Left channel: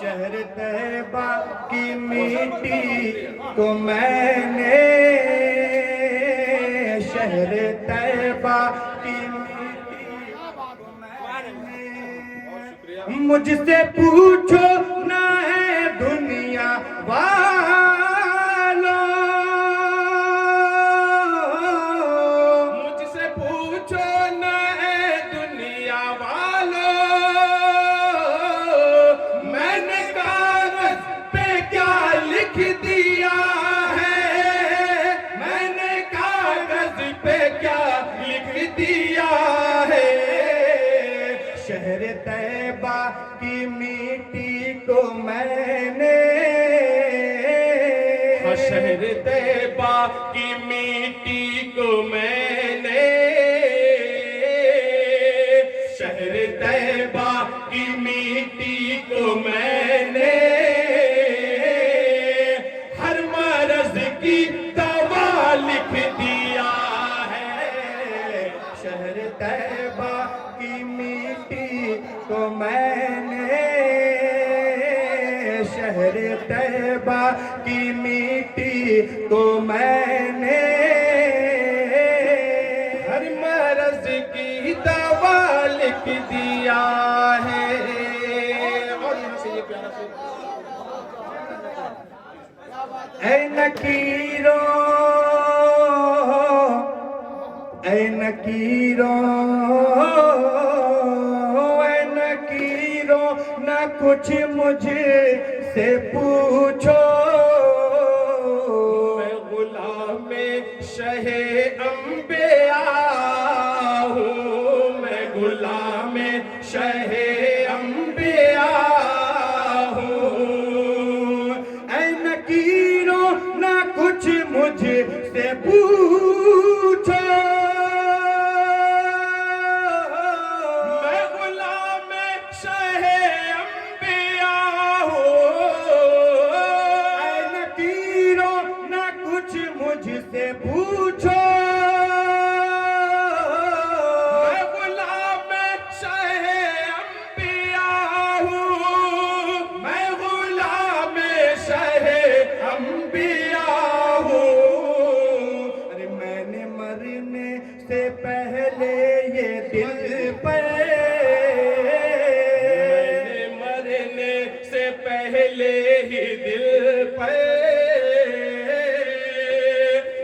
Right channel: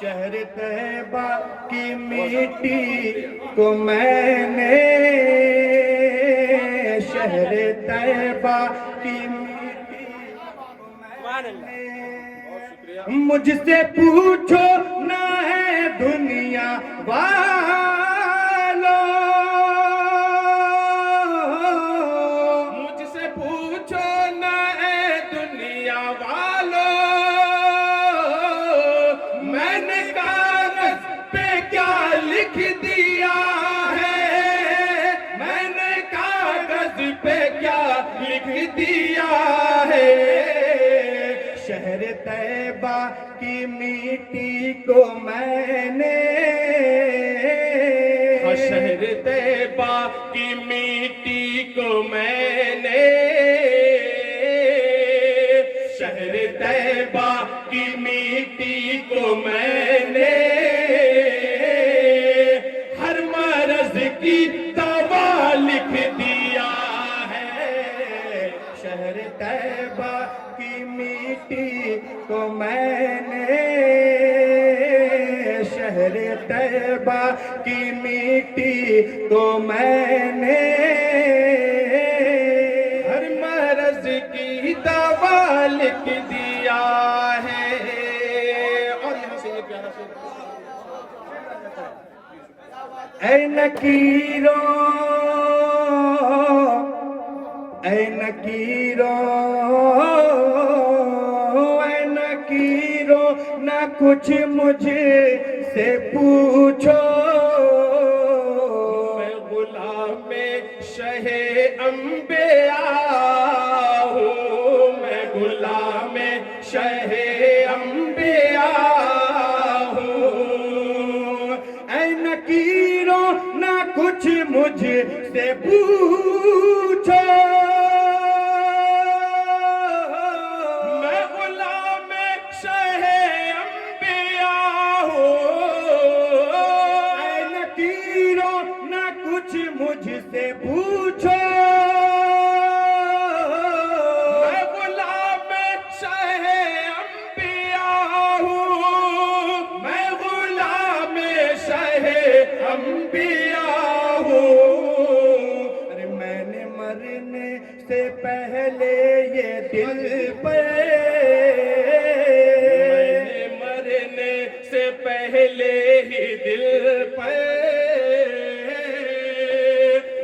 شہر طیبہ کی مٹی کو میں نے شہر طیبہ کی مٹی کو میں نے مجھ سے پوچھو نہ ہے دنیا والوں مجھ سے پوچھو نہ ہے دنیا والوں میں نے کاغذ پہ کیا لکھ دیا ہے میں نے کاغذ پہ کیا لکھ دیا ہے شہر طیبہ کی مٹی کو میں نے شہر طیبہ کی مٹی کو میں نے شہر طیبہ کی مٹی کو میں نے ہر مرض کی دوا لکھ دیا ہے شہر طیبہ کی مٹی کو میں نے شہر طیبہ کی مٹی کو میں نے ہر مرض کی دوا لکھ دیا ہے اور یہاں سے یہ پیارا سے اے نکیروں اے نکیروں اے نکیروں نہ کچھ مجھے سے پوچھو میں غلام شہ انبیاء ہوں میں غلام شہ انبیاء ہوں اے نکیروں نہ کچھ مجھ سے پوچھو میں غلام شہ انبیاء ہوں اے نکیروں نہ کچھ مجھ سے پوچھو میں غلام شہ انبیاء ہوں میں غلام شہ انبیاء ہوں ارے میں نے مرنے سے پہلے یہ دل پہ میں نے مرنے سے پہلے ہی دل پہ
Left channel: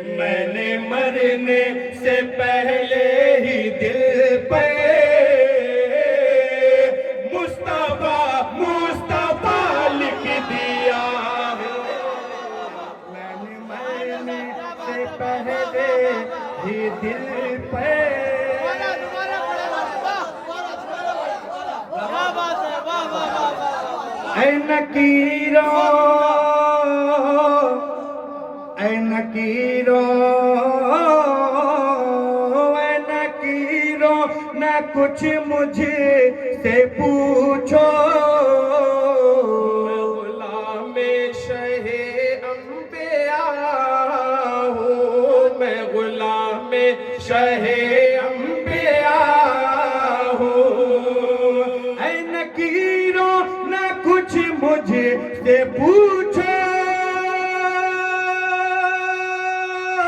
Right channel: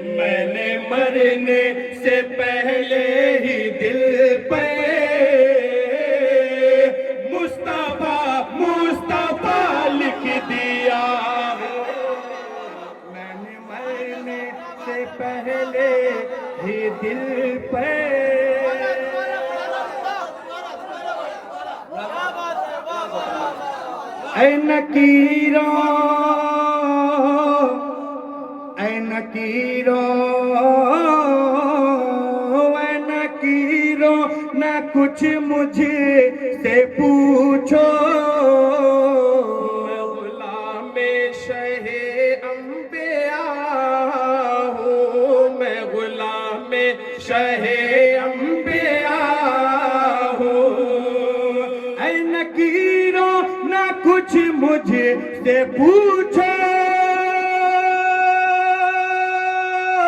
میں نے مرنے سے پہلے ہی دل پہ مصطفیٰ مصطفیٰ لکھ دیا ہے میں نے مرنے سے پہلے ہی دل پہ اے نکیروں اے نکیروں اے نکیروں نہ کچھ مجھے سے پوچھو میں غلام شہ انبیاء ہوں میں غلام شہ انبیاء ہوں اے نکیروں نہ کچھ مجھے سے پوچھو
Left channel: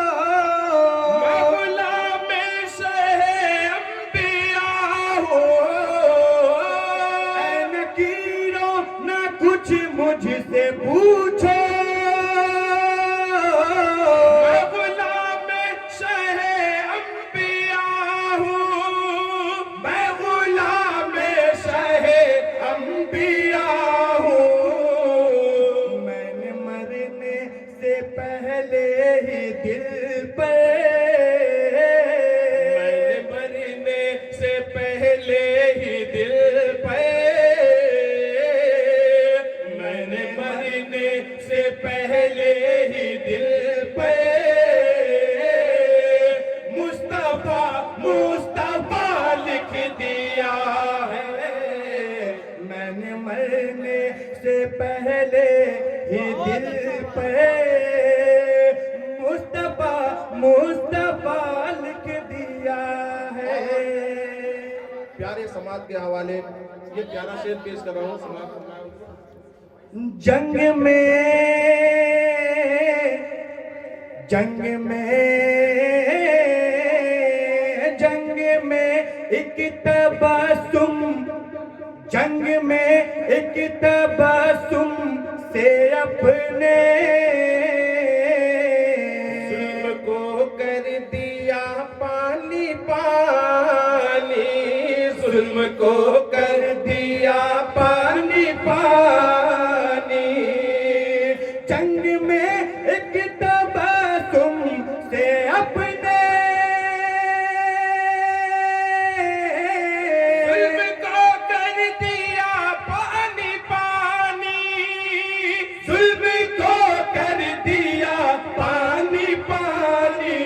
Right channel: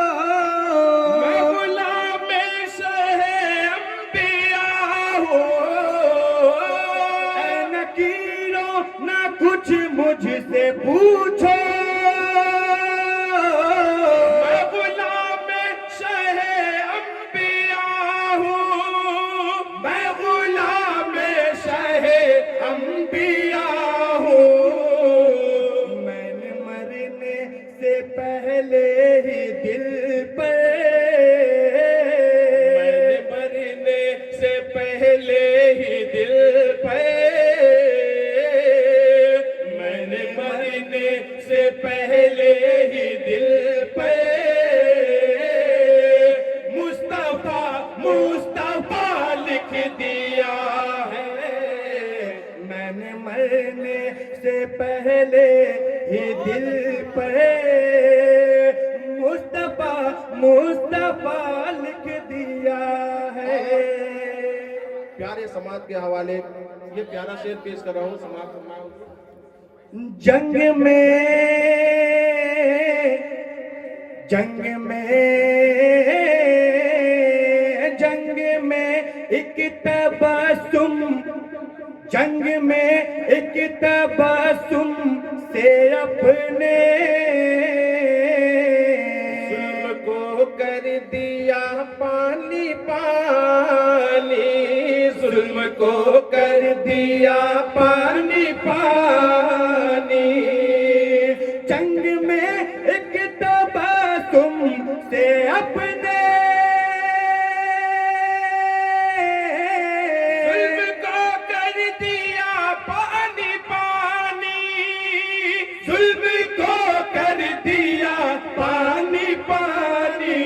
میں غلام شہ انبیاء ہوں اے نکیروں نہ کچھ مجھ سے پوچھو میں غلام شہ انبیاء ہوں میں غلام شہ انبیاء ہوں میں نے مرنے سے پہلے ہی دل پہ میں نے مرنے سے پہلے ہی دل پہ میں نے مرنے سے پہلے ہی دل پہ مصطفیٰ مصطفیٰ لکھ دیا ہے میں نے مرنے سے پہلے ہی دل پہ مصطفیٰ مصطفیٰ لکھ دیا ہے پیارے سماعت کے حوالے یہ پیارا شعر پیش کر رہا ہوں سماعت فرمائیں جنگ میں جنگ میں جنگ میں ایک تبسم جنگ میں ایک تبسم سے اپنے ظلم کو کر دیا پانی پانی ظلم کو کر دیا پانی پانی جنگ میں ایک تبسم سے اپنے ظلم کو کر دیا پانی پانی ظلم کو کر دیا پانی پانی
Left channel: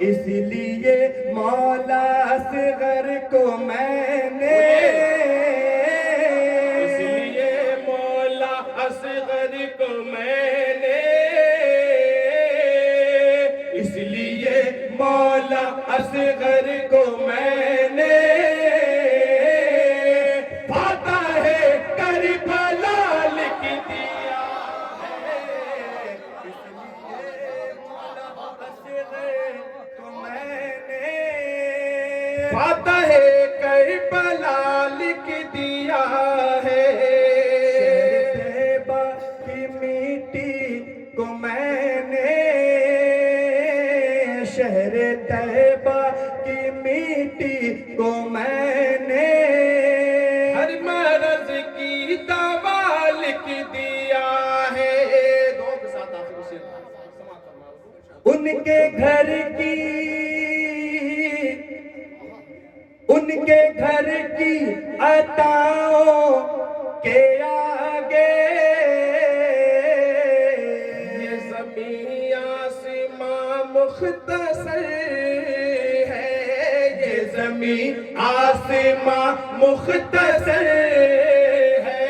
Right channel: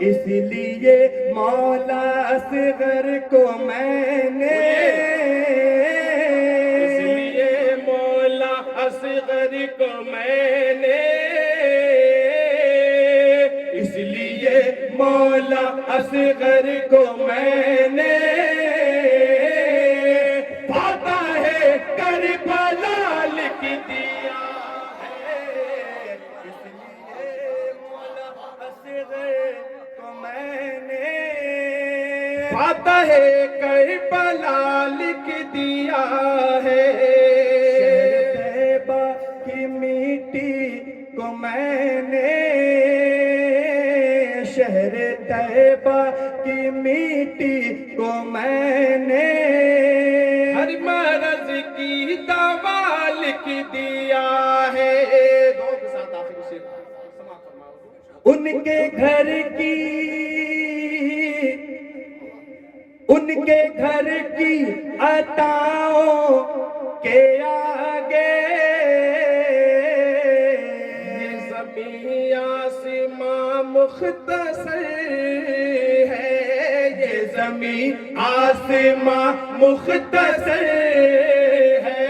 اس لیے مولا اصغر کو میں نے اس لیے مولا اصغر کو میں نے اس لیے مولا اصغر کو میں نے فاتح کربلا لکھ دیا ہے اس لیے مولا اصغر کو میں نے فاتح کربلا لکھ دیا ہے طیبہ کی مٹی کو میں نے شہر طیبہ کی مٹی کو میں نے ہر مرض کی دوا لکھ دیا ہے ان کے گھر کی عطاؤں کے آگے یہ زمین آسماں مختصر ہے یہ زمین آسماں مختصر ہے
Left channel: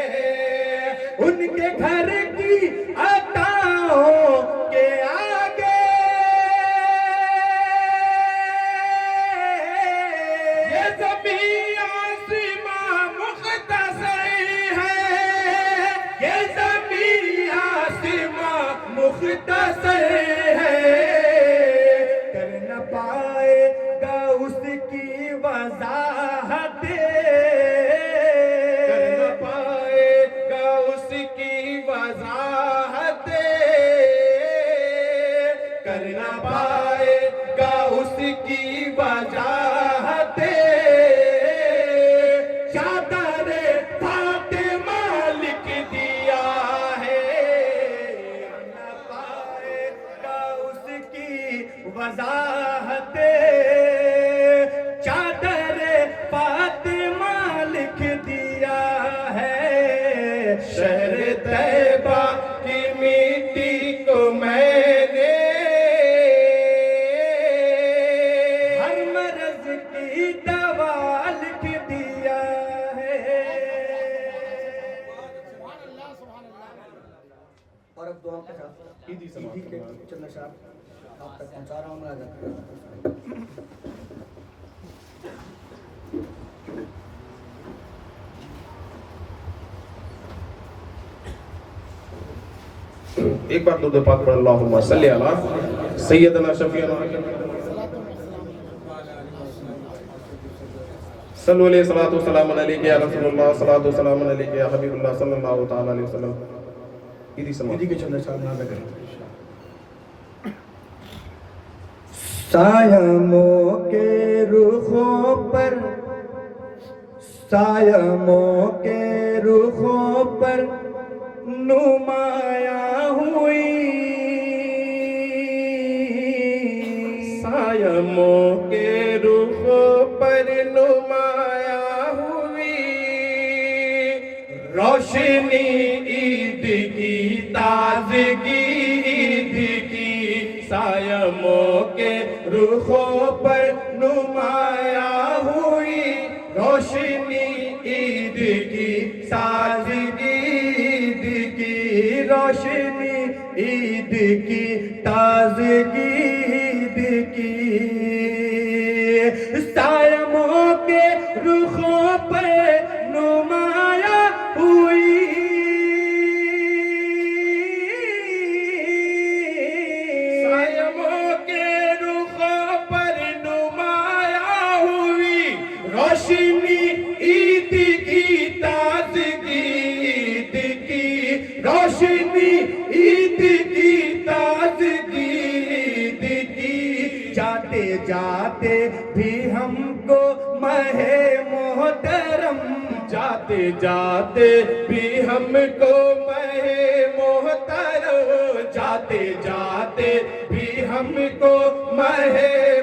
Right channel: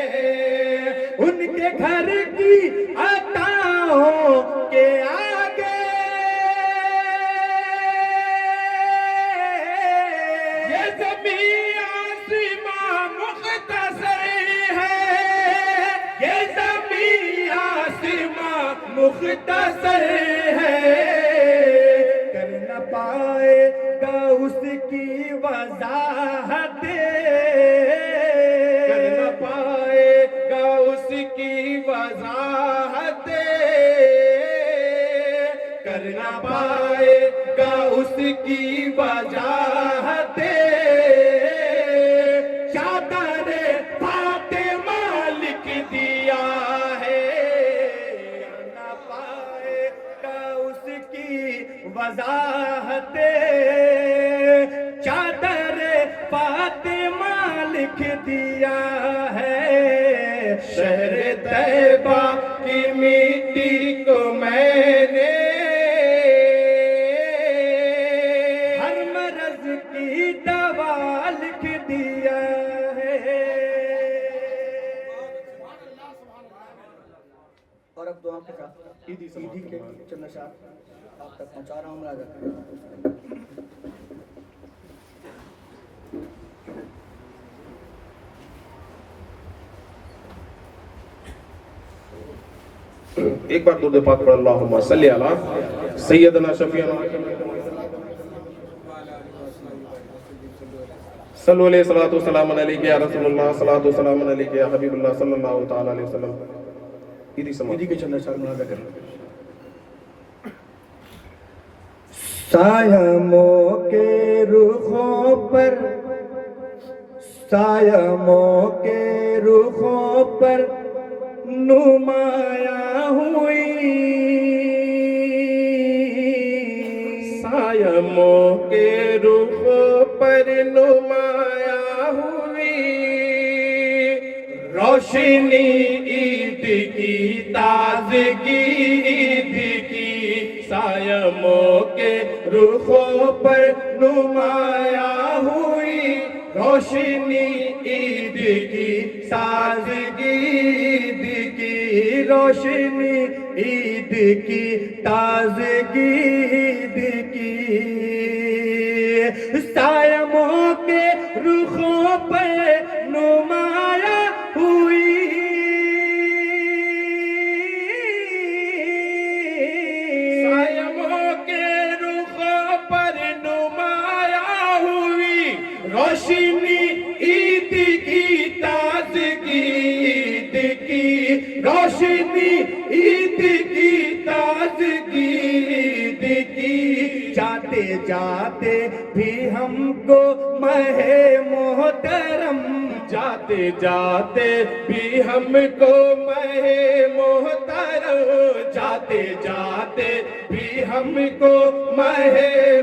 ان کے گھر کی عطاؤں کے آگے یہ زمین آسماں مختصر ہے یہ زمین آسماں مختصر ہے کر نہ پائے گا اس کی وضاحت کر نہ پائے گا اس کی وضاحت کر نہ پائے گا اس کی وضاحت چادر فاطمہ لکھ دیا ہے نہ پائے گا اس کی وضاحت چادر فاطمہ لکھ دیا ہے شہر طیبہ کی مٹی کو میں نے ہر مرض کی دوا لکھ دیا ہے اور اب دعا کے ساتھ عیدی کے چند اشعار آپ تک پہنچا رہا ہوں راجہ ایک بار درود پاک پڑھ اللہم صلی علی سیدنا شفیعنا صلو علیہ الصلوۃ والسلام علیک یا رسول اللہ صلوۃ والسلام علیک یا حبیب اللہ صلی اللہ تعالی علیہ وسلم عیدی عیدی کے چند اشعار ملا کر سایموں کے رخوں پر سایموں کے رخوں پر نمایاں ہوئی سایموں کے رخوں پر نمایاں ہوئی روشنی عید کی تازگی عید کی سایموں کے رخوں پر نمایاں ہوئی روشنی عید کی تازگی عید کی روشنی عید کی تازگی عید کی سایموں کے رخوں پر روشنی عید کی تازگی، عید کی روشنی عید کی تازگی، عید کی جاتے جاتے بھی ہم کو ماہ محترم، جاتے جاتے بھی ہم کو ماہ محترم، جاتے جاتے بھی ہم کو ماہ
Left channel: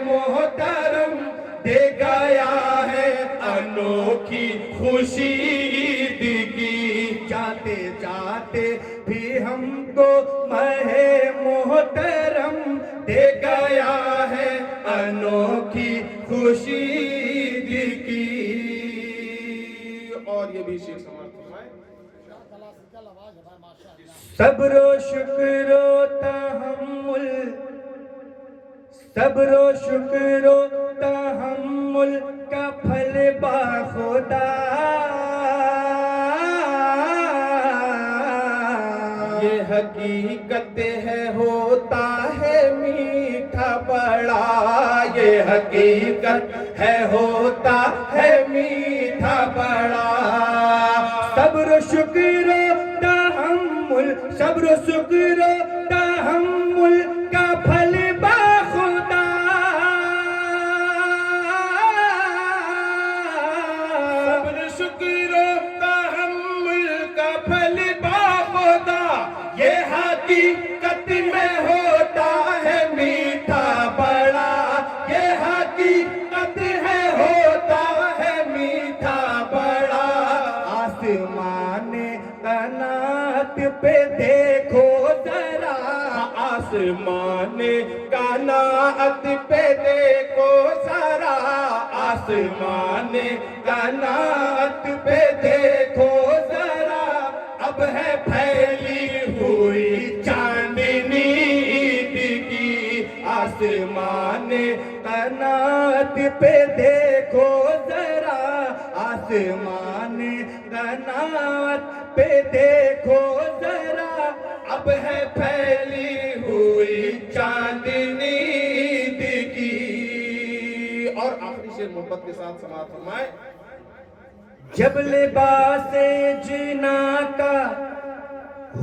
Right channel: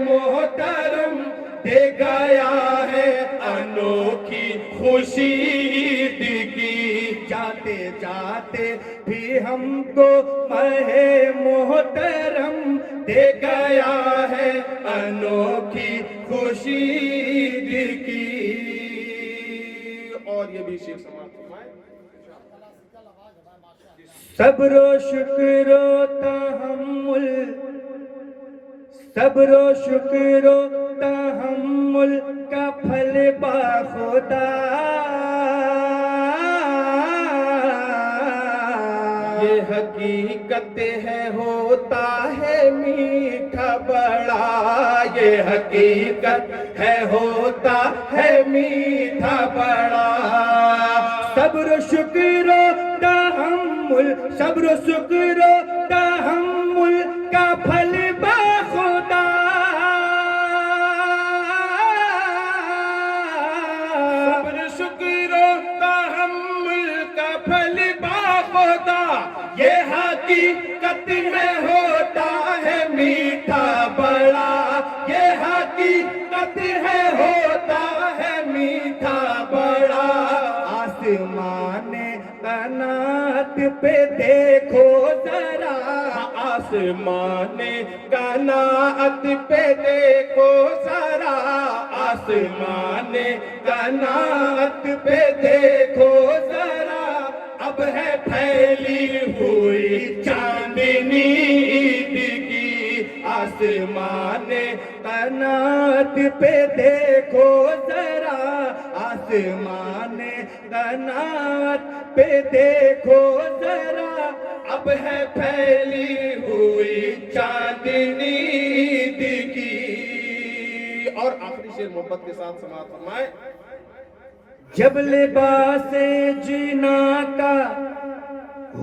محترم دے گیا ہے انوکھی خوشی عید کی، جاتے جاتے بھی ہم کو ماہ محترم دے گیا ہے انوکھی خوشی عید کی۔ اور یہ بھی شیخ سماعت فرمائے، صبر و شکر و تحمل، صبر و شکر و تحمل کا پھل باخدا، یہ حقیقت ہے ہوتا ہے میٹھا بڑا، یہ حقیقت ہے ہوتا ہے میٹھا بڑا، صبر و شکر و تحمل، صبر و شکر و تحمل کا پھل باخدا، صبر شکر و تحمل کا پھل باخدا، یہ حقیقت میں ہوتا ہے میٹھا بڑا، یہ حقیقت ہے ہوتا ہے میٹھا بڑا، آسمان قنات پہ دیکھو ذرا، آسمان قناعت پہ دیکھو ذرا، آسمان قناعت پہ دیکھو ذرا، اب ہے پھیلی ہوئی چاندنی عید کی، آسمان قنات پہ دیکھو ذرا، آسمان قنات پہ دیکھو ذرا، اب ہے پھیلی ہوئی چاندنی عید کی۔ اور آخری شعر محبت کے ساتھ سماعت فرمائے، جب لباس جنا کا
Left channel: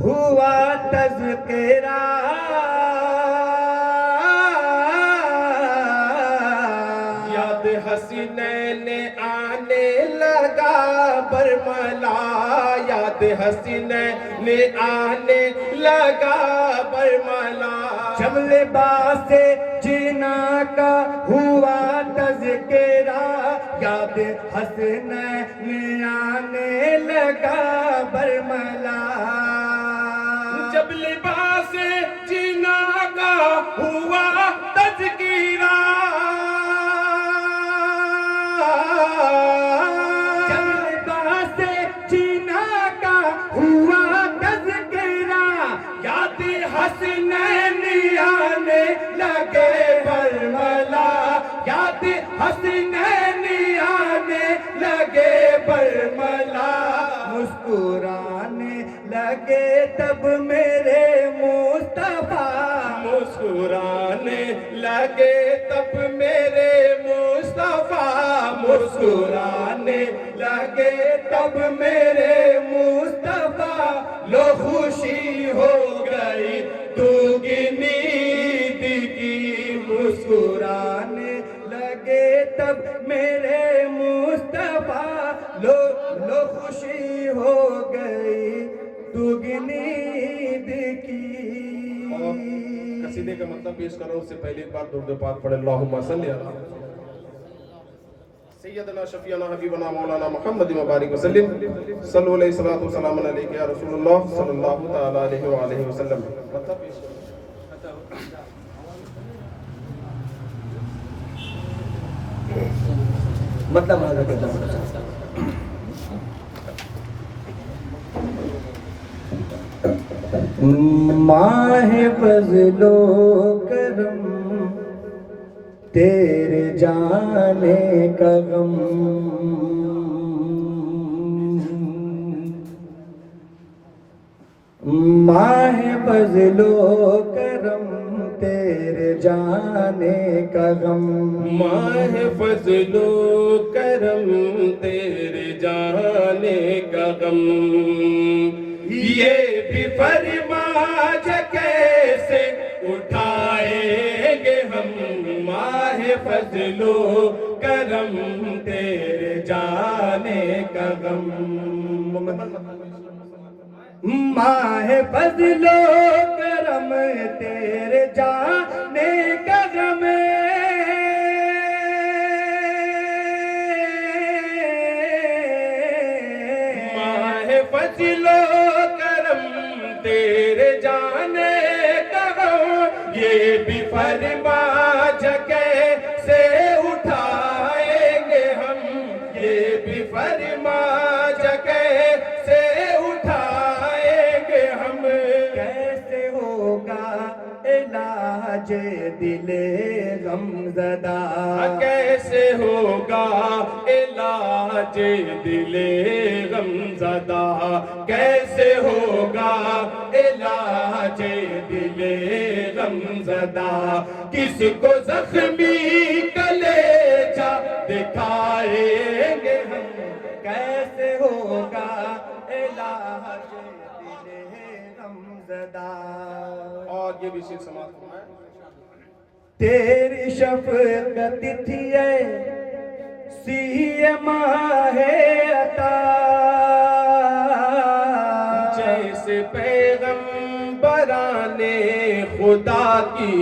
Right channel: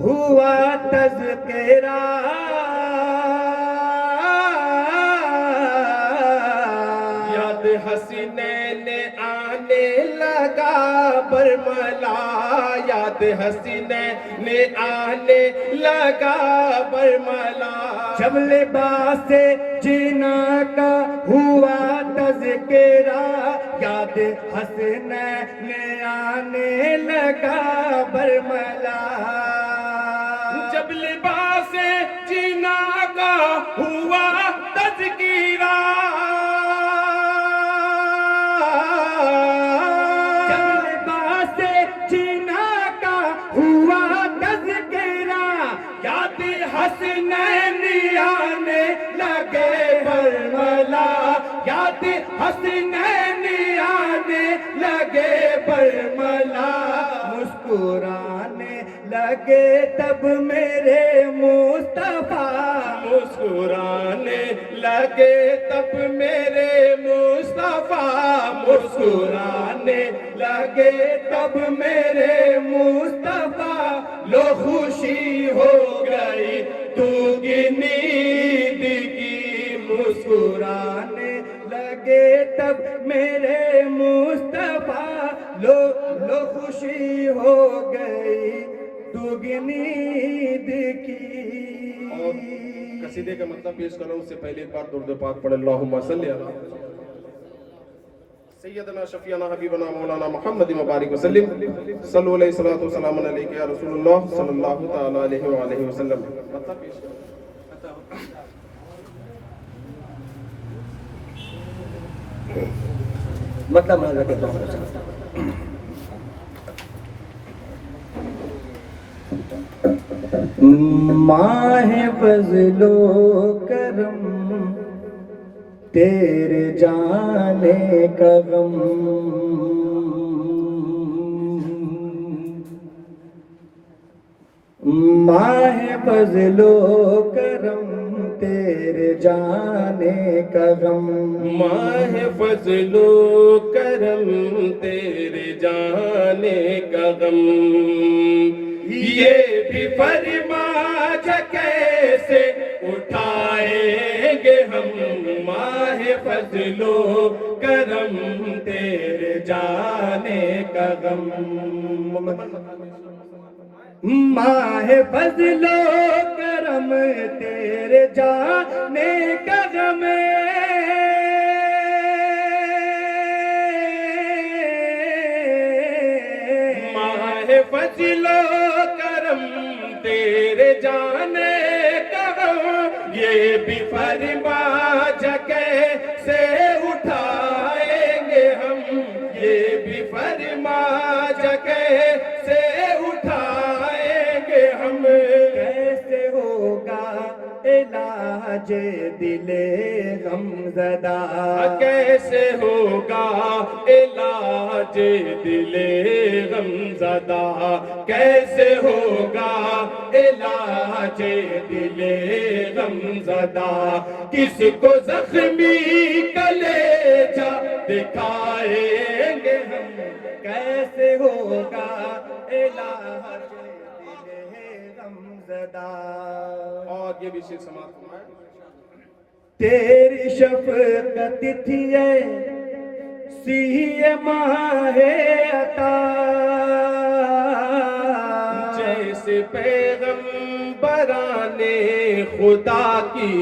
ہوا تذکرہ، یاد حسینین آنے لگا برملا، یاد حسینین آنے لگا برملا، جب لباس جنا کا ہوا تذکرہ، یاد حسنین آنے لگا برملا، جب لباس جنا کا ہوا تذکرہ، جب لباس جنا کا ہوا تذکرہ، یاد حسنین آنے لگے برملا، یاد حسنین آنے لگے برملا، مسکرانے لگے تب میرے مصطفیٰ، مسکرانے لگے تب میرے مصطفیٰ، مسکرانے لگے تب میرے مصطفیٰ، لو خوشی ہو گئی دوگنی عید کی، مسکرانے لگے تب میرے مصطفیٰ، لو خوشی ہو گئی دوگنی عید کی۔ اور قصیدے کا مطلب پیش کروں اس سے پہلے ایک بار درود پاک پڑھ اللہم صلی علی سیدنا شفیعنا حبیبنا مولانا محمد مبارک وسلم، صلو علیہ الصلوۃ والسلام علیک یا رسول اللہ صلی اللہ تعالی علیہ وآلہ وسلم۔ مطلب پیش کروں مطلب ماہ فضل و کرم تیرے جانے کا غم، ماہ فضل و کرم تیرے جانے کا غم، ماہ فضل و کرم تیرے جانے کا غم، یہ بھی فرما جا کیسے اٹھائیں گے ہم، ماہ فضل و کرم تیرے جانے کا غم، ماہ فضل و کرم تیرے جانے کا غم، ماہ فضل و کرم تیرے جانے کا غم، یہ بھی فرما جگہ سے اٹھائیں گے ہم، یہ بھی فرما جگہ سے اٹھائیں گے ہم، کیسے ہوگا علاج دل غم زدہ، کیسے ہوگا علاج دل غم زدہ، کیسے ہوگا علاج دل غم زدہ، کس کو زخمی کلیجہ دکھائیں گے ہم، کیسے ہوگا علاج دل غم زدہ، اور یہ بھی شیر سماعت فرمائے، تیری شفقت تھی سی ماہ عطا، جیسے پیغمبران خدا کی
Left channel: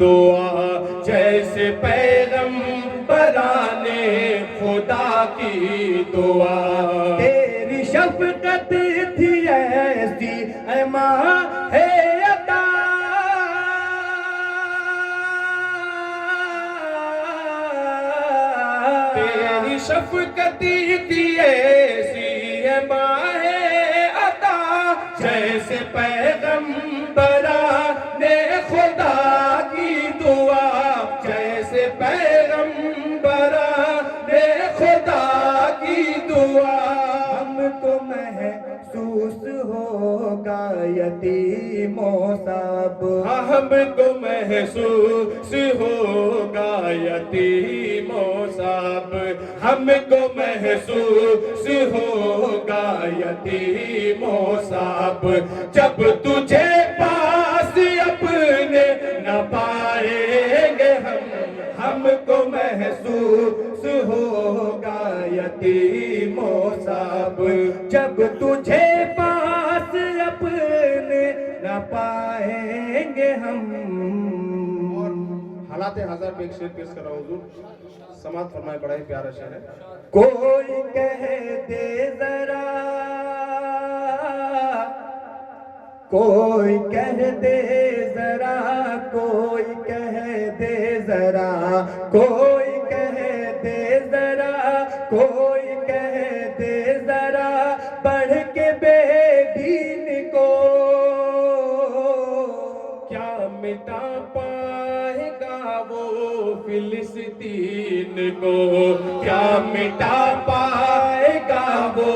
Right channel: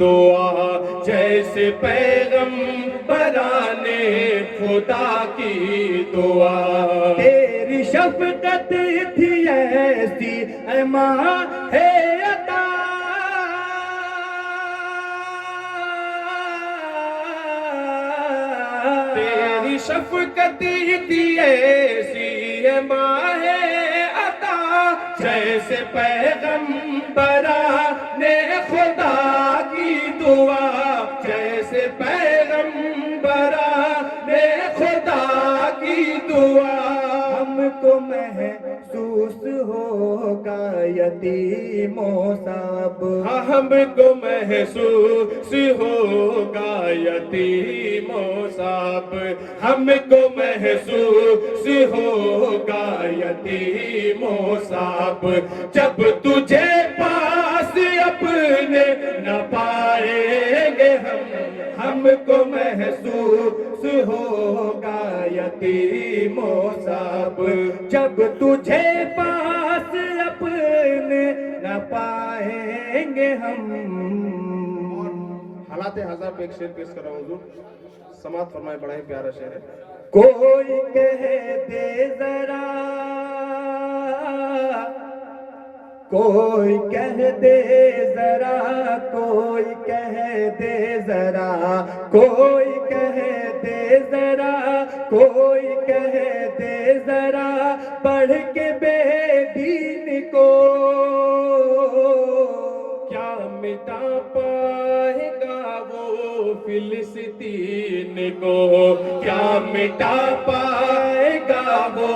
دعا، جیسے پیغمبران خدا کی دعا، تیری شفقت تھی ایسی اے ماہ عطا، تیری شفقت تھی ایسی ہے ماہ عطا، جیسے پیغمبران خدا کی دعا، جیسے پیغمبران خدا کی دعا، ہم کو محسوس ہوگا یتیموں سب، ہم کو محسوس ہوگا یتیموں صاحب، ہم کو محسوس ہوگا یتیموں صاحب، جب تجھے پاس اپنے نہ پائیں گے ہم کو محسوس ہوگا یتیموں صاحب، جب تجھے پاس اپنے نہ پائیں گے ہم، حالات ہزار پہ ایک شعر پیش کر رہا ہوں حضور، سماعت فرمائے، بڑا ہی پیارا شعر ہے، کوئی کہہ دے ذرا، کوئی کہہ دے ذرا، کوئی کہہ دے ذرا، کوئی کہہ دے ذرا، کوئی کہہ دے ذرا، پڑھ کے بے دین کو کیا مٹا پائے گا وہ فلسطین کو، کیا مٹا پائے گا وہ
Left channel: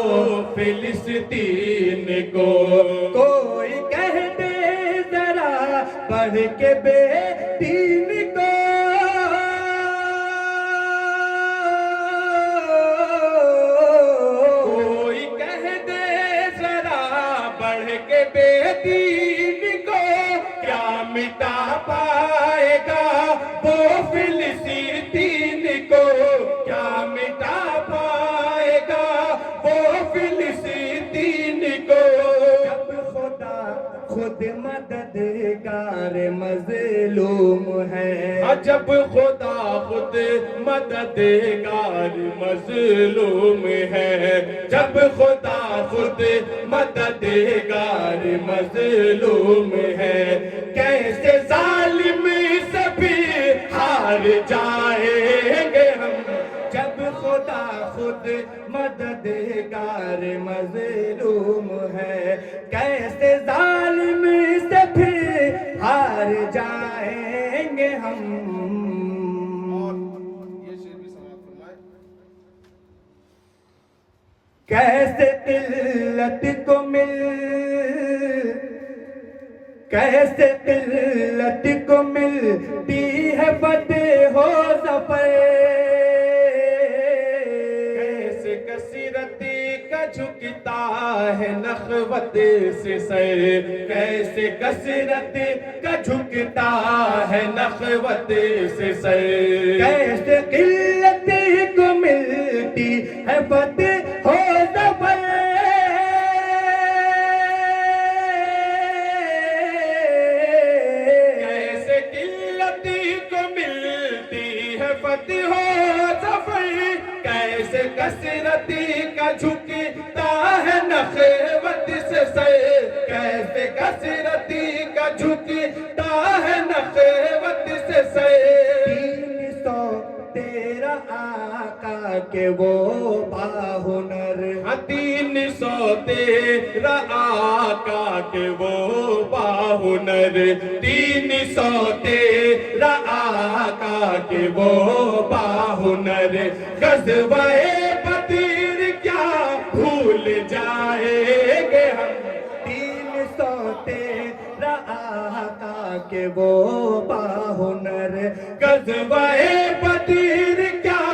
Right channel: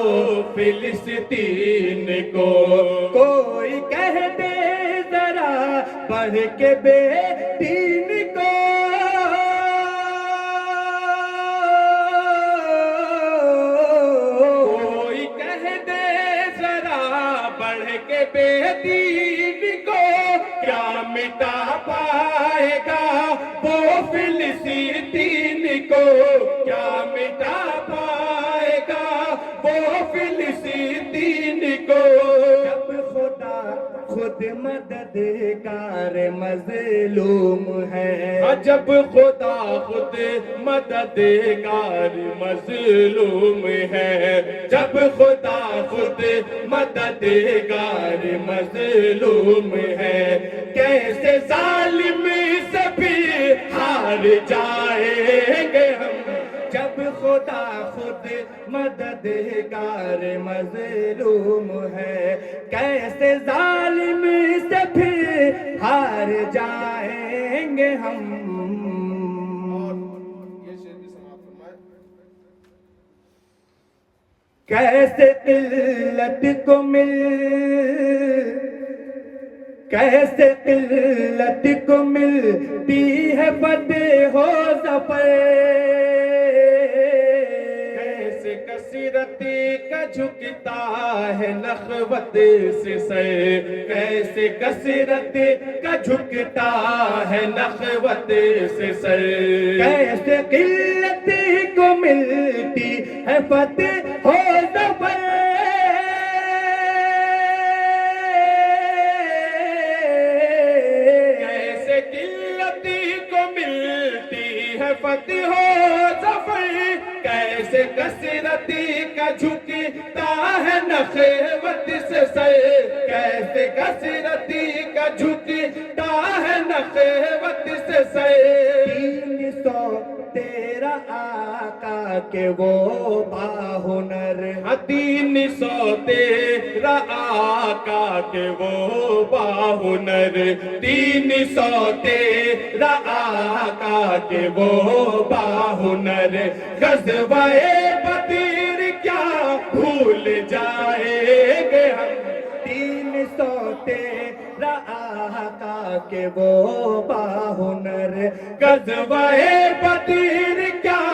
فلسطین کو، کوئی کہہ دے ذرا پڑھ کے بے دین کو، کوئی کہہ دے ذرا بڑھ کے بے دین کو، کیا مٹا پائے گا وہ فلسطین کو، کیا مٹا پائے گا وہ فلسطین کو، جب خدا خود مددگار مظلوم ہے، جب خدا خود مددگار مظلوم ہے، جب خدا خود مددگار مظلوم ہے، کیسے ظالم سبھی ہار جائیں گے ہم، جب خدا خود مددگار مظلوم ہے، کیسے ظالم سے پھر ہار جائیں گے ہم، یہ شعر بھی سماعت فرمائے، کیسے قلت کو مل کیسے قلت کو ملتی ہے فتح و ظفر، کیسے کثرت کا جھکتا ہے نخوت سے سر، کیسے کثرت کا جھکتا ہے نخوت سے سر، کیسے قلت کو ملتی ہے فتح و ظفر، کیسے قلت کو ملتی ہے فتح و ظفر، کیسے کثرت کا جھکتا ہے نخوت سے سر، کیسے کثرت کا جھکتا ہے نخوت سے سر، 313 آقا کے وہ باہنر، 313 آقا کے وہ باہنر، 313 آقا کے وہ باہنر، غزوہ بدر کیا بھول جائیں گے ہم، 313 آقا کے وہ باہنر، غزوہ بدر کیا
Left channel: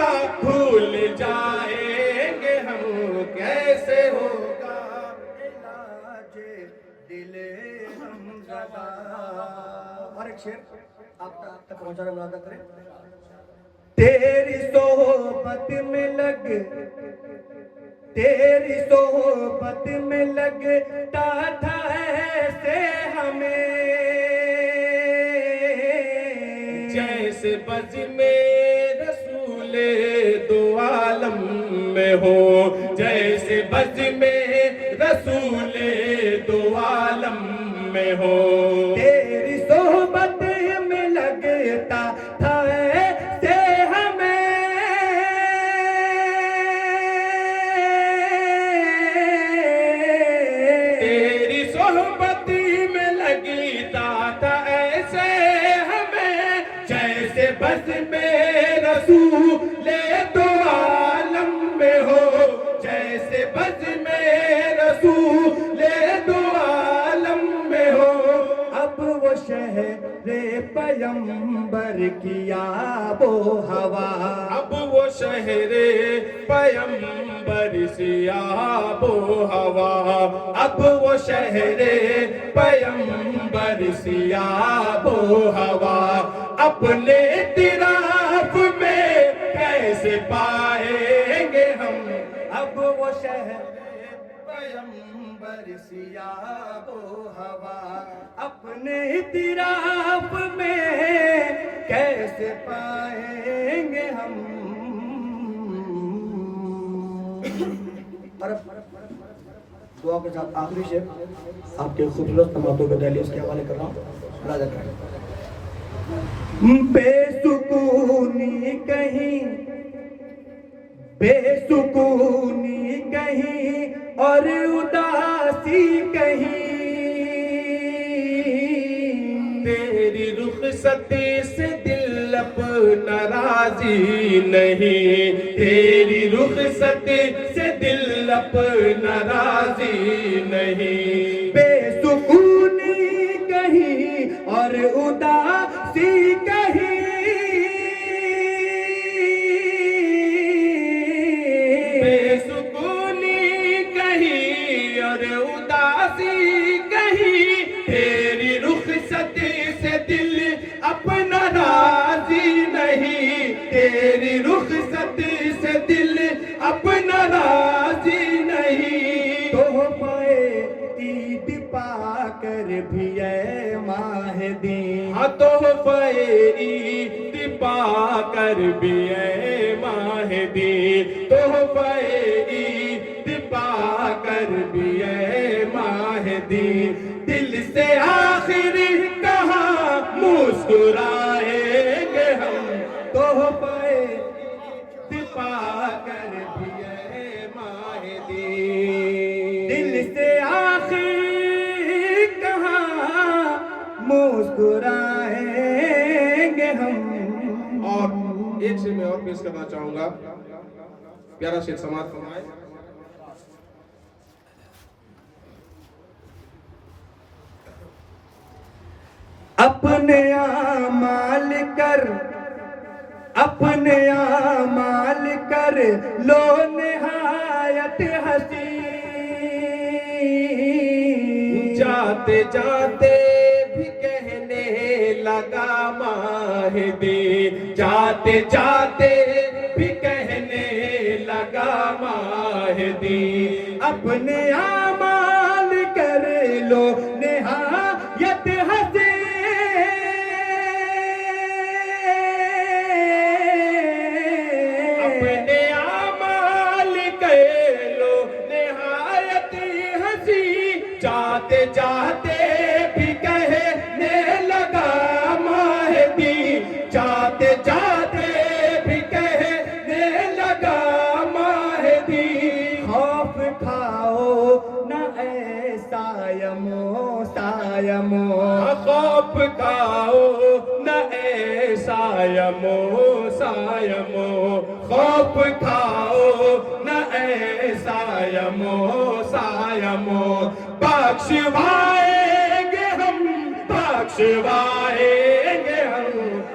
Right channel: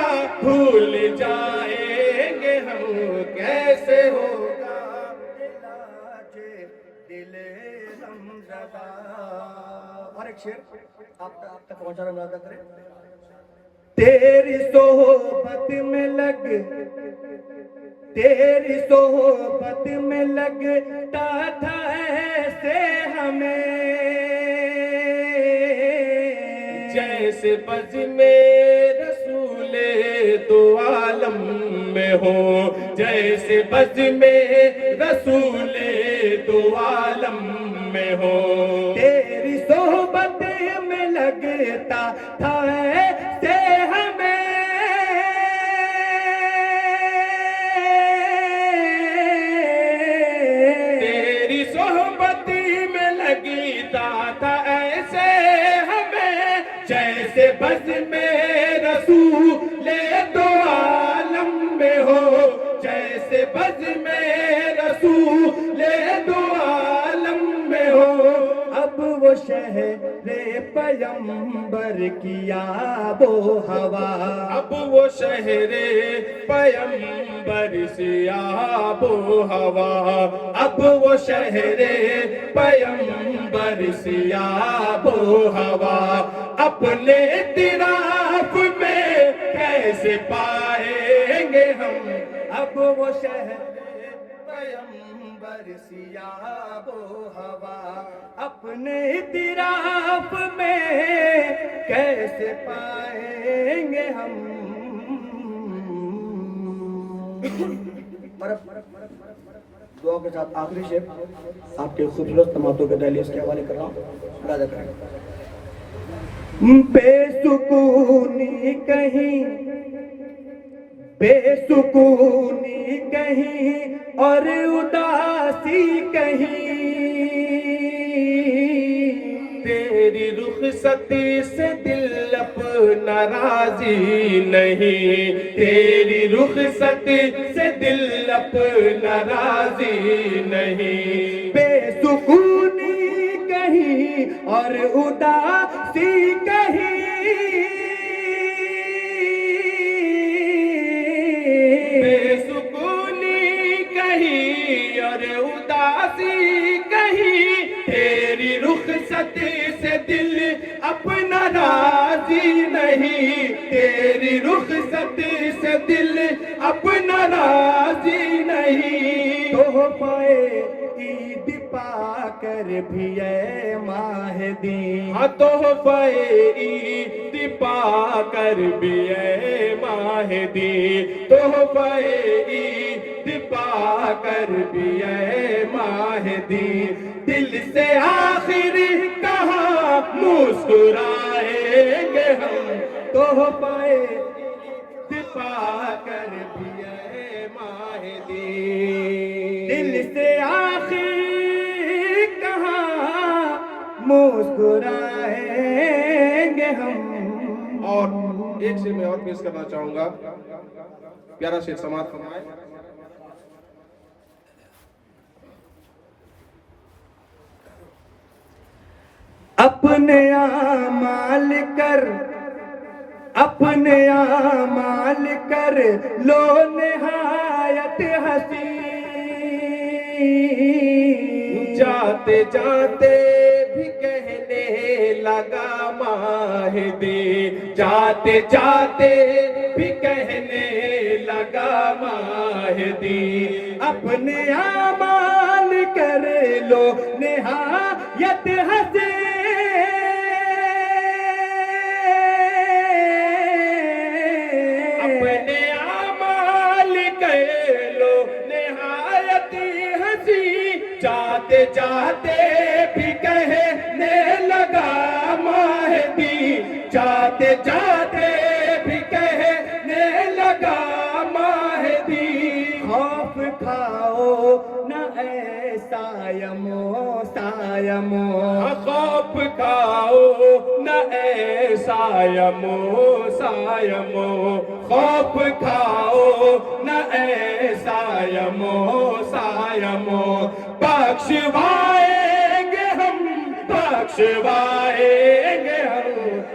بھول جائیں گے ہم، کیسے ہوگا علاج دل غمزدہ۔ اور ایک شعر آپ تک پہنچانا ملازہ کریں، تیری صحبت میں لگ، تیری صحبت میں لگتا تھا ایسے ہمیں، جیسے بز میں رسول دو عالم میں ہو، جیسے بز میں رسول دو عالم میں ہو، تیری صحبت میں لگتا تھا ایسے ہمیں، تیری صحبت میں لگتا تھا ایسے ہمیں، جیسے بز میں رسول دو عالم میں ہو، جیسے بز میں رسول دو عالم میں ہو، اب وہ شہر پیمبر کی آب و ہوا، اب وہ شہر پیمبر سی آب و ہوا، اب وہ شہر پیمبر سی آب و ہوا، اپنے اطراف میں کیسے پائیں گے ہم، اب وہ شہر پیمبر سی آب و ہوا، اپنے اطراف میں کیسے پائیں گے ہم۔ اور دعا کے ساتھ آخری شعر آپ کے خوبصورت تماتوں کے دہلیز کے حوالے کر رہا ہوں، ملاحظہ کریں۔ بے سکونی کہیں، بے سکونی کہیں اور اداسی کہیں، تیری رخصتی سے دل اپنا راضی نہیں، تیری رخصتی سے دل اپنا راضی نہیں، بے سکونی کہیں اور اداسی کہیں، بے سکونی کہیں اور اداسی کہیں، تیری رخصتی سے دل اپنا راضی نہیں، تیری رخصتی سے دل اپنا راضی نہیں، تحفہ عید پا کر بھی اے ماہدی، ہاں تحفہ عید پا کر بھی اے ماہدی، تحفہ عید پا کر بھی اے ماہدی، دل سے آخر کہاں مسکرائیں گے ہم، تحفہ عید پا کر بھی اے ماہدی، دل سے آخر کہاں مسکرائیں گے ہم۔ اور ایک شعر میں اور پیش کرنا چاہوں گا، پیارا شعر سماعت فرمائیں۔ اپنے اعمال کر اپنے اعمال کر لو نہایت حسین جاتے جاتے بھی کہنے لگا مہدی جاتے جاتے بھی کہنے لگا مہدی اپنے اعمال کر لو نہایت حسین اپنے اعمال کر لو نہایت ہنسی جاتے جاتے بھی کہنے لگا مہدی جاتے جاتے بھی کہنے لگا مہدی خوف کھاؤ نہ اے سایمو سایمو خوف کھاؤ نہ اے سایمو سایمو خوف کھاؤ نہ اے سایمو سایمو بخشوائیں گے ہم بخشوائیں گے ہم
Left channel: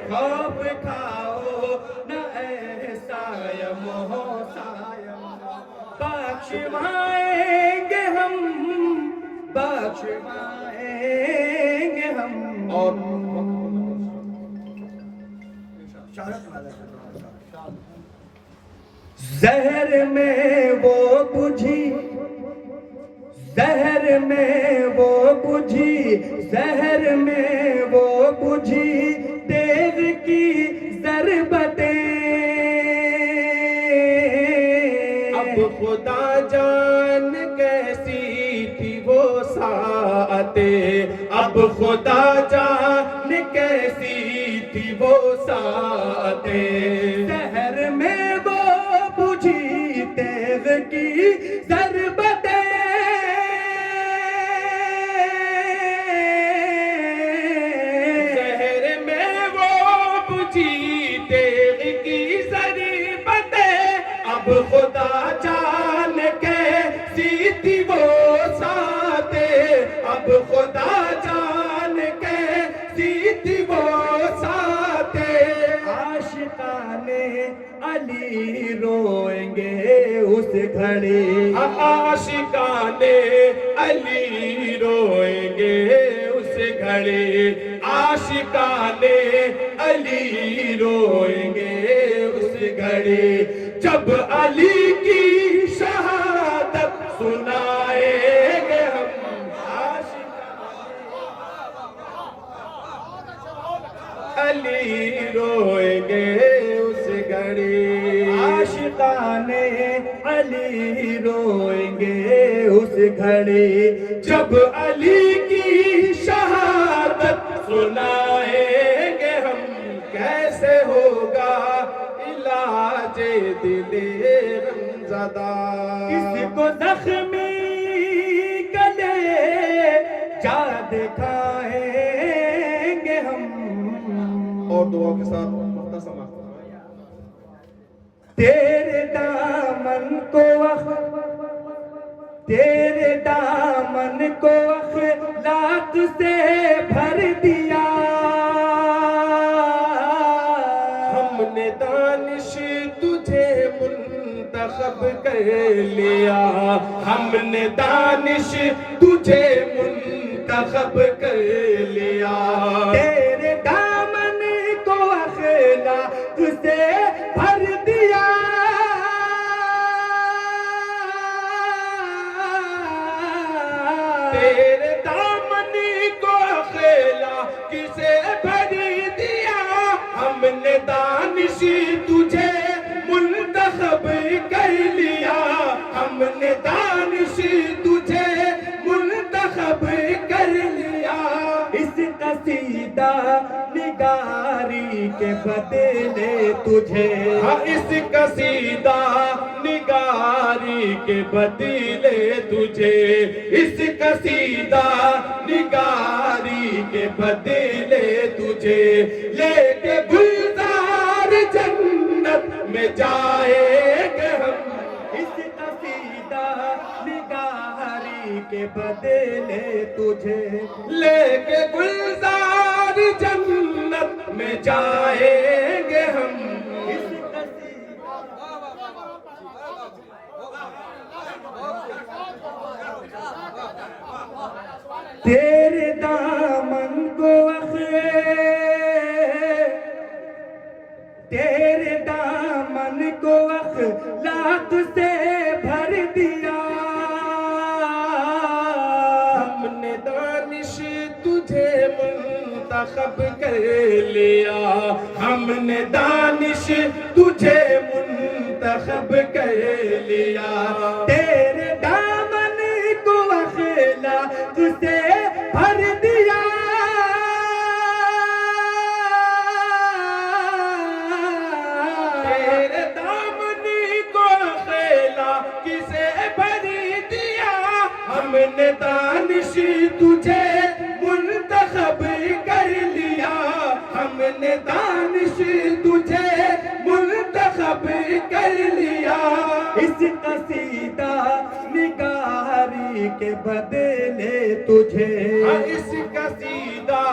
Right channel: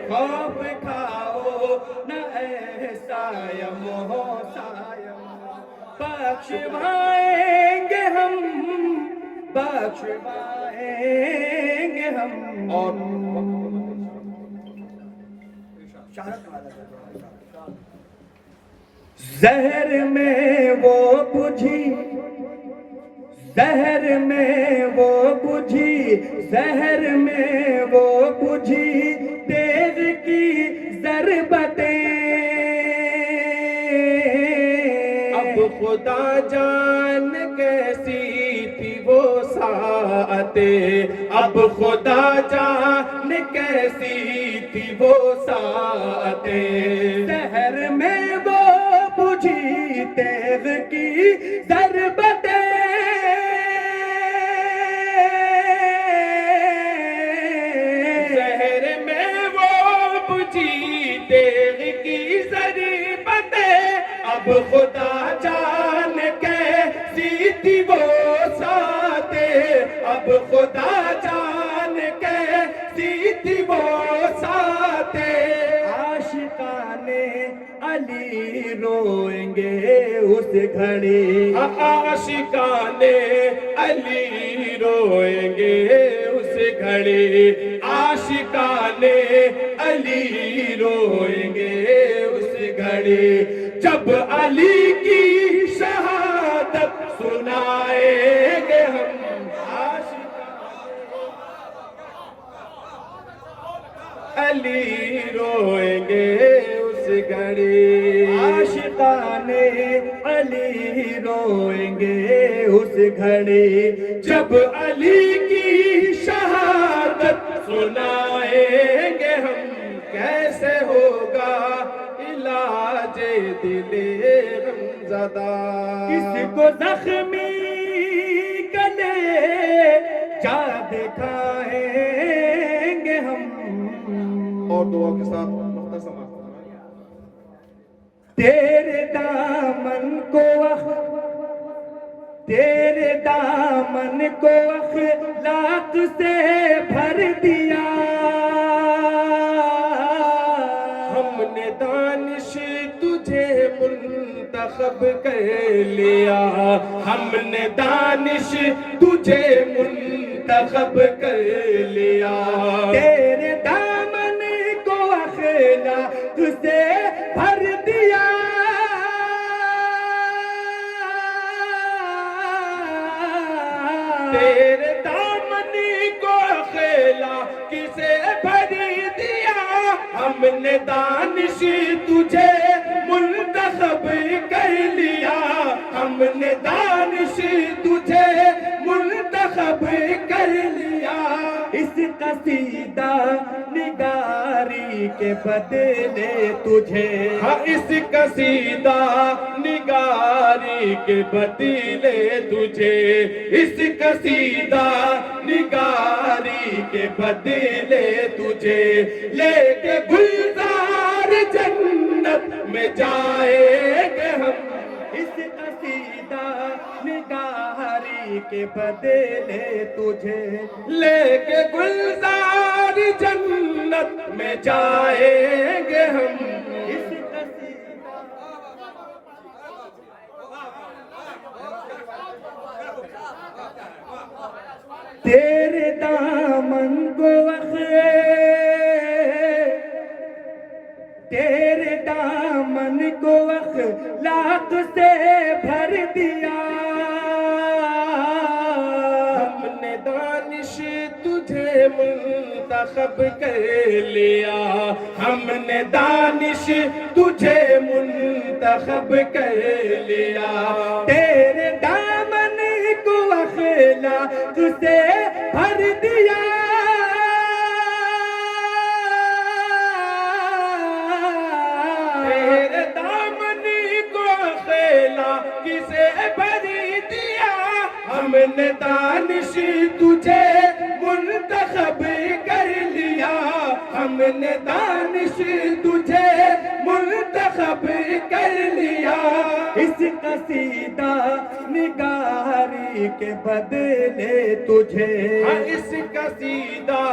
خوف کھاؤ نہ اے سایمو سایمو بخشوائیں گے ہم بخشوائیں گے ہم اور زہر میں وہ بجھی زہر میں وہ بجھی زہر میں وہ بجھی تیغ کی ضربتیں اب خدا جان کیسی تھی وہ ساعتیں اب خدا جان کیسی تھی وہ ساعتیں زہر میں وہ بجھی تیغ کی ضربتیں زہر میں وہ بجھی تیغ کی ضربتیں اب خدا جان کیسی تھی وہ ساعتیں اب خدا جان کیسی تھی وہ ساعتیں عاشقان علی روئیں گے اس گھڑی عاشقان علی روئیں گے اس گھڑی عاشقان علی روئیں گے اس گھڑی جب علی کی شہادت سنائیں گے ہم علی روئیں گے اس گھڑی عاشقان علی روئیں گے اس گھڑی جب علی کی شہادت سنائیں گے ہم کیسے ہوگا علاج دل غمزدہ کس کو زخمی گلے جا دکھائیں گے ہم اور دعا کے ساتھ مختصر تیرے دامن کو تیرے دامن کو اخلاق سے بھر دیا ہم نے دانش تجھے منتخب کر لیا ہم نے دانش تجھے منتخب کر لیا تیرے دامن کو اخلاق سے بھر دیا تیرے دامن کو خیلا کسے بھر دیا ہم نے دانش تجھے منتخب کر لیا ہم نے دانش تجھے منتخب کر لیا اس قصیدہ نگاری کے بدلے تجھے ہاں اس قصیدہ نگاری کے بدلے تجھے اس قصیدہ نگاری کے بدلے تجھے لے کے گلزار جنت میں جائیں گے ہم اس قصیدہ نگاری کے بدلے تجھے لے کے گلزار جنت میں جائیں گے ہم اس تیرے دامن کو تیرے دامن کو اخلاق سے بھر دیا ہم نے دانش تجھے منتخب کر لیا ہم نے دانش تجھے منتخب کر لیا تیرے دامن کو اخلاق سے بھر دیا تیرے دامن کو اخلاق سے بھر دیا ہم نے دانش تجھے منتخب کر لیا ہم نے دانش تجھے منتخب کر لیا اس قصیدہ نگاری کے بدلے تجھے اس قصیدہ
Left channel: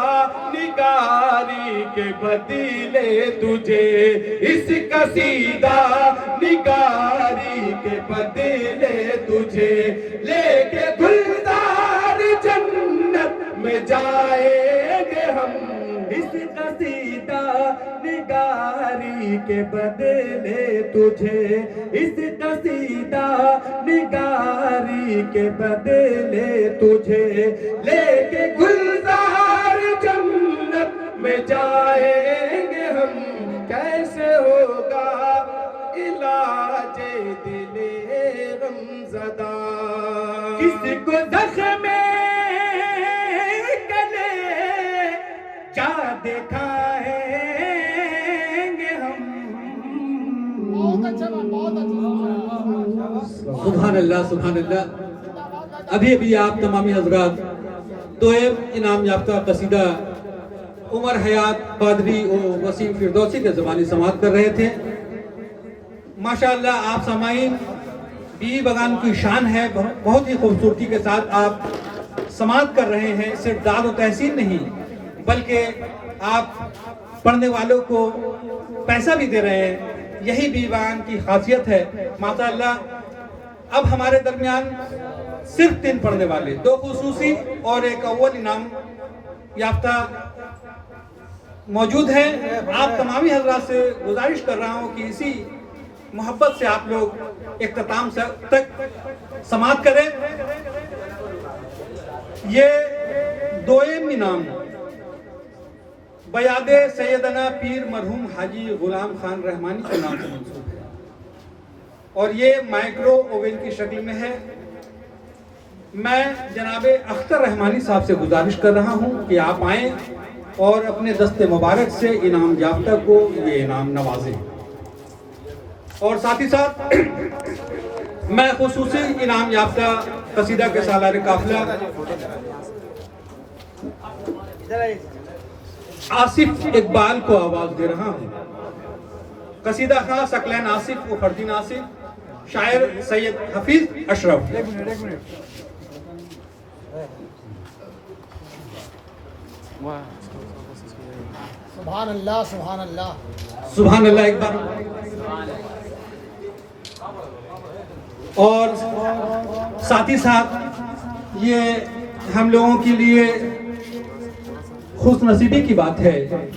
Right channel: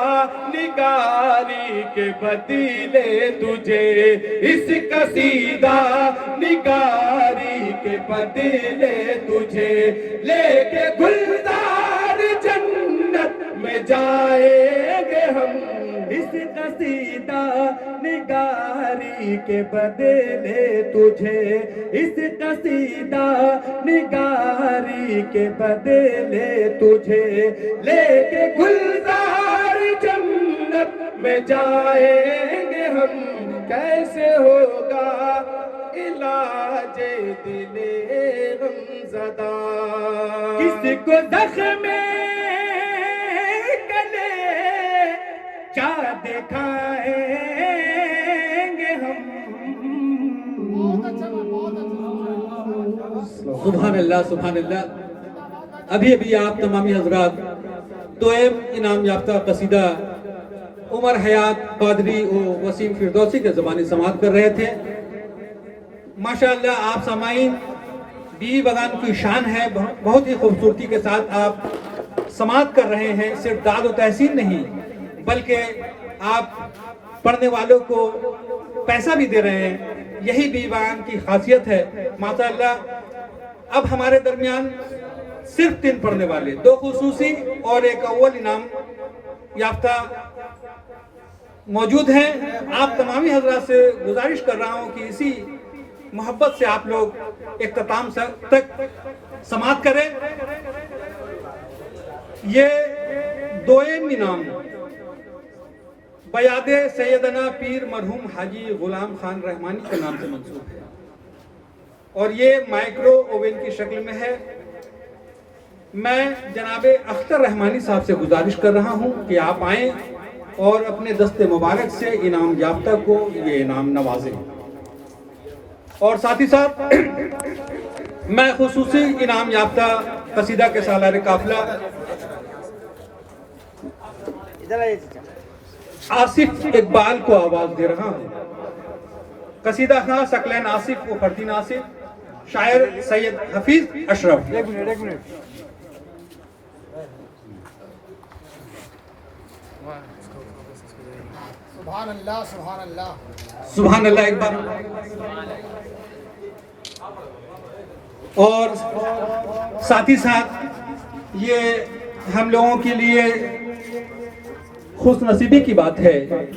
نگاری کے بدلے تجھے اس قصیدہ نگاری کے بدلے تجھے لے کے گلزار جنت میں جائیں گے ہم اس قصیدہ نگاری کے بدلے تجھے اس قصیدہ نگاری کے بدلے تجھے لے کے گلزار جنت میں جائیں گے ہم کیسے ہوگا علاج دل غمزدہ کس کو زخم گلے کیا دکھائیں گے ہم سبحان اللہ سبحان اللہ. ابھی آپ تمامی حضرات دوئم انعام یافتہ قصیدہ عمر حیات قادری و وسیم فردوسی کے زبانی سماعت کر رہے تھے. ماشاءاللہ آپ سامعین بی بغان کی شان ہے, بہت ہی خوبصورتی کے ساتھ آپ سماعت کر رہے ہیں. صرف داد و تحسین نہیں بلکہ آپ پڑھنے والوں کو پیسہ بھی دے رہے ہیں. یہی بی بغان کی خاصیت ہے ماشاءاللہ. اب ہمارے درمیان صرف 3 پڑھنے والے, 2 خصوصی اور ایک اول انعام یافتہ موجود ہیں. آپ تمامی حضرات سے گزارش کر رہا ہوں کہ اسی محبت سے آپ لوگ اختتام تک سماعت کریں. یہ دوئم انعام بیاد سیدنا پیر مرحوم حاجی غلام خان رحمانی کے نام سے منسوب ہے اور یہ مائکرو اوون کی شکل میں ہے. میں جناب اختر رحمانی صاحب سے گزارش کر رہا ہوں کہ آپ آئیں اور اپنے دست مبارک سے انعام یافتہ کو یہ انعام نوازیں. اور ساتھ ہی ساتھ میں خصوصی انعام یافتہ قصیدہ کے سالار قافلہ آصف اقبال کو آواز دے رہا ہوں. قصیدہ خاں ثقلین آصف و فردین آصف, شاعر سید حفیظ اشرف. سبحان اللہ سبحان اللہ سبحان اللہ ایک بار. اور ساتھ ہی ساتھ یہ ہم لوگوں کے لیے خوش نصیبی کی بات ہے